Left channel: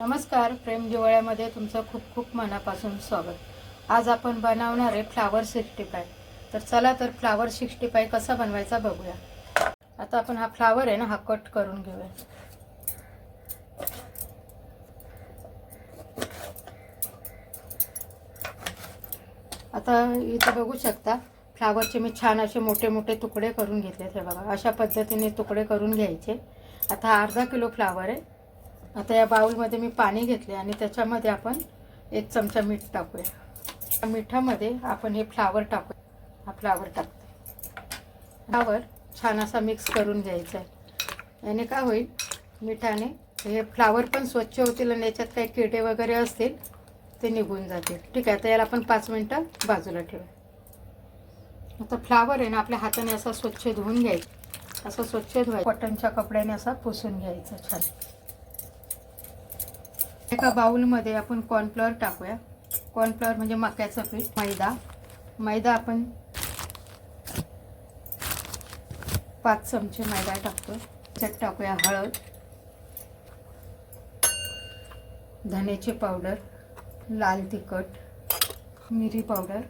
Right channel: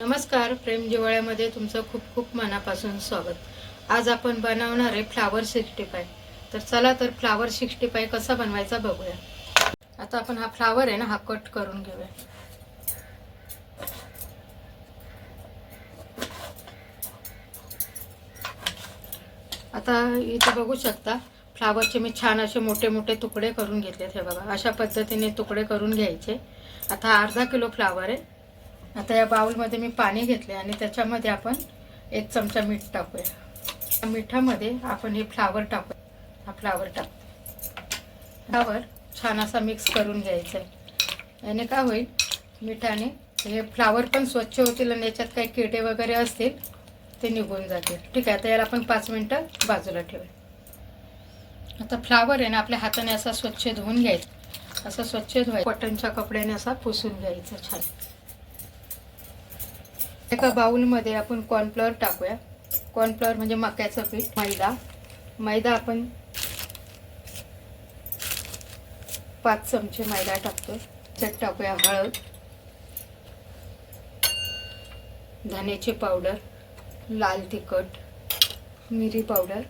नमस्कार, प्रेम जिव्हाळ्यामध्ये तुमचं खूप खूप मनापासून स्वागत। आज आपण बनवणार आहे फ्लावर 65। तर चला तर फ्लावर 65 कसा बनवायचा बघूया। आता आपण हा फ्लावर आहे ना, हा कट करून घेऊया। आता इथे बघू शकता फ्लावरचे मी छान असे मोठे मोठे तुकडे करून घेतलेत। हे बघा, अशा पद्धतीने तुकडे करून घ्यायचे। आता हा अर्धा किलो फ्लावर आहे। आता या बाउलमध्ये मी पाणी घेतले आणि त्याच्यामध्ये आपण 1 चमचा मीठ टाकूया। मिठामध्ये आपण हे फ्लावर टाकू। हा फ्लावर टाकू। फ्लावर छान असा मिक्स करून घ्यायचा आहे। याने काय होईल, मिठाने हे फ्लावर पण स्वच्छ होतील आणि याच्यात काही किडे वगैरे असतील ते निघून जातील। ठीक आहे, तर याला आपण 5 मिनिटं बाजूला ठेवूया। आता फ्लावर आहे ना, आपल्या हाताने असा स्वच्छ धुवून घ्यायचा। असं स्वच्छ धुवायचं, कॉटनच्या कपड्याने असा पुसून घ्यायचा छान। एका बाउलमध्ये आपण कॉर्नफ्लॉवर टाकूया। कॉर्नफ्लॉवर म्हणजे मक्याचं पीठ। मैदा आपण 5 चमचे मैदा टाकतोय। त्यात टाकूया हळद, धनेची पावडर, लाल तिखट, मिरी पावडर,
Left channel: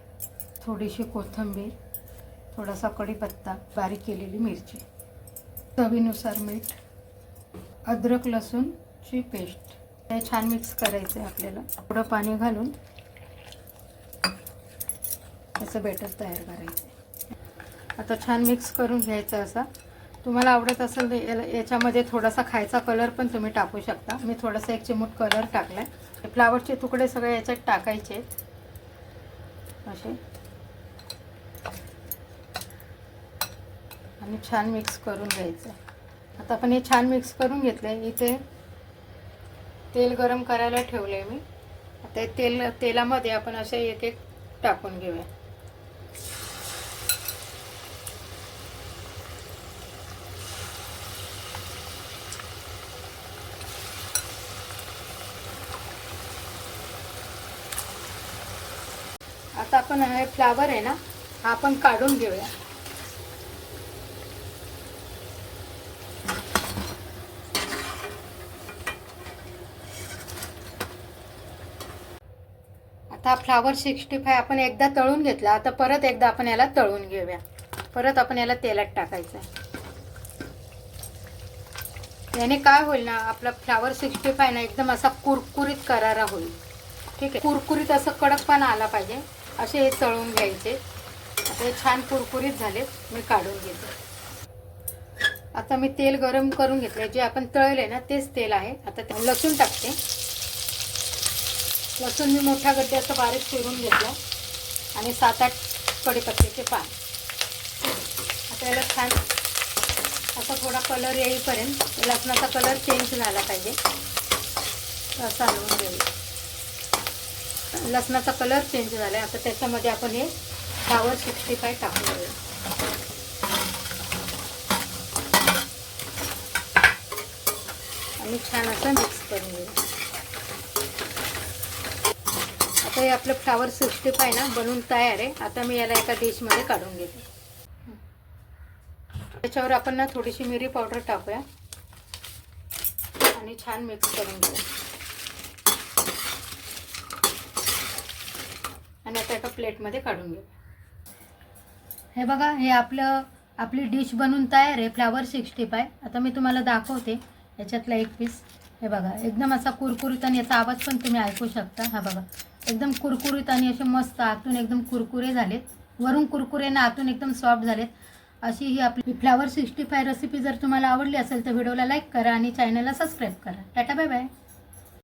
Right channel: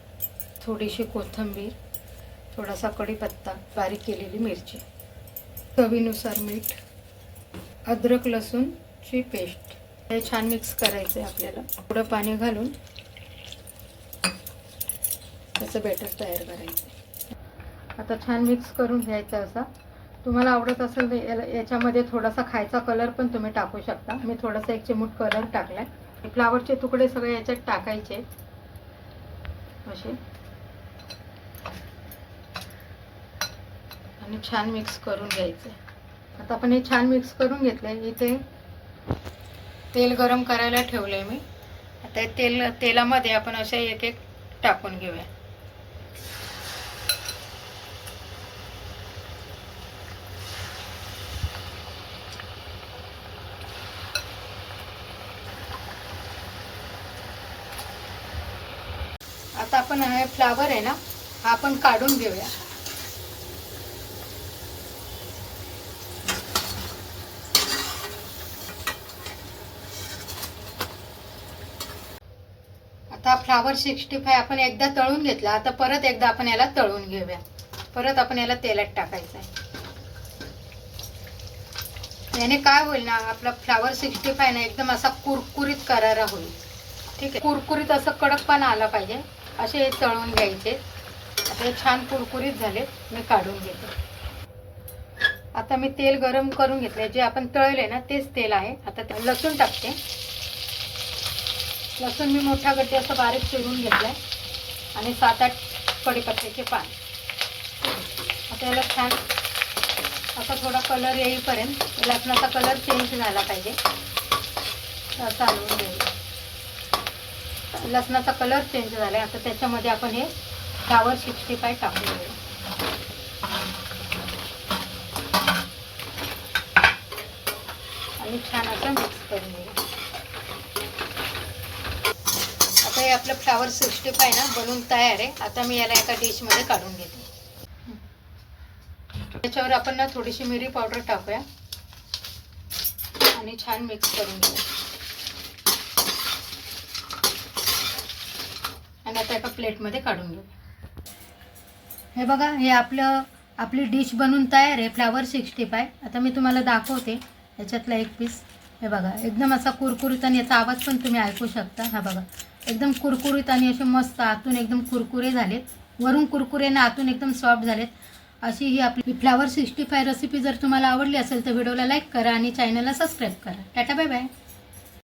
थोडीशी कोथिंबीर, थोडासा कढीपत्ता, बारीक केलेली मिरची, चवीनुसार मीठ, अद्रक लसूणची पेस्ट। हे छान मिक्स करायचं आहे आपल्याला। थोडं पाणी घालून असं बॅटर तयार करायचं। आता छान मिक्स करून घ्यायचं। असा तुम्हाला आवडत असेल तर याच्यामध्ये थोडासा खायचा कलर पण तुम्ही टाकू शकता। मी थोडासा 1 चिमूट कलर टाकलाय। फ्लावरचे तुकडे सगळे याच्यात टाकायचे असे आणि छान मिक्स करून घ्यायचं। आता आपण हे छान मिक्स करून घेतले। इथे तेल गरम करायला ठेवलंय मी। आता तेलामध्ये आपण असे एक एक टाकून घेऊया। आता आपण हे फ्लावर आहे ना, हा आपण काढून घेऊया। आता फ्लावर 65 आपण एकदा तळून घेतला। आता परत एकदा आपण याला तळून घेऊया। परत आपण याला तेलात टाकायचं आहे। याने काय होईल ना, आपला फ्लावर 65 ना एकदम असा कुरकुरीत करारा होईल। ठीक आहे, कुरकुरीत असं कडकपणा आला पाहिजे असे तळून घ्यायचे। आता छान कुरकुरीत झाले, मी काढून घेते। आता मी तेल गरम करून घेतले। जे आपण तळले ना तेच तेल आहे। आता लसूण टाकते। लसूण मी मोठा गड्डे असं बारीक चिरून घेतला आणि 7-8 कढीपत्त्याचे पान। आता याला छान असा थोडा कलर येईपर्यंत, लसणाचा कलर चेंज झाला पाहिजे असं आणून घेऊया। लसणाचा कलर चेंज झाला। आता त्याच्यामध्ये आपण हे फ्लावर 65 टाकून घेऊया आणि छान असं मिक्स करून घेऊया। आता हे आपलं फ्लावर 65 ना बनवून तयार आहे। आता मी याला एका डिशमध्ये काढून घेते। त्याच्यावर आपण ना थोडीशी मिरी पावडर टाकूया आणि छान मिक्स करून घेऊया। आणि आता एका प्लेटमध्ये काढून घेऊ। हे बघा, हे आपली डिश बनवून तयार आहे, फ्लावर 65। आता मी तुम्हाला दाखवते याच्यातला एक पीस। हे बघा, एकदम असा कुरकुरीत आणि याचा आवाज पण तुम्ही ऐकू शकता। हा बघा, एकदम कुरकुरीत आणि असे मस्त आतून एकदम कुरकुरे झालेत, वरून कुरकुरे आणि आतून एकदम सॉफ्ट झालेत। अशी ही आपली फ्लावर 65 रेसिपी जर तुम्हाला आवडली असेल तर व्हिडिओला लाईक करा आणि चॅनलला सबस्क्राईब करा। Tata bye bye.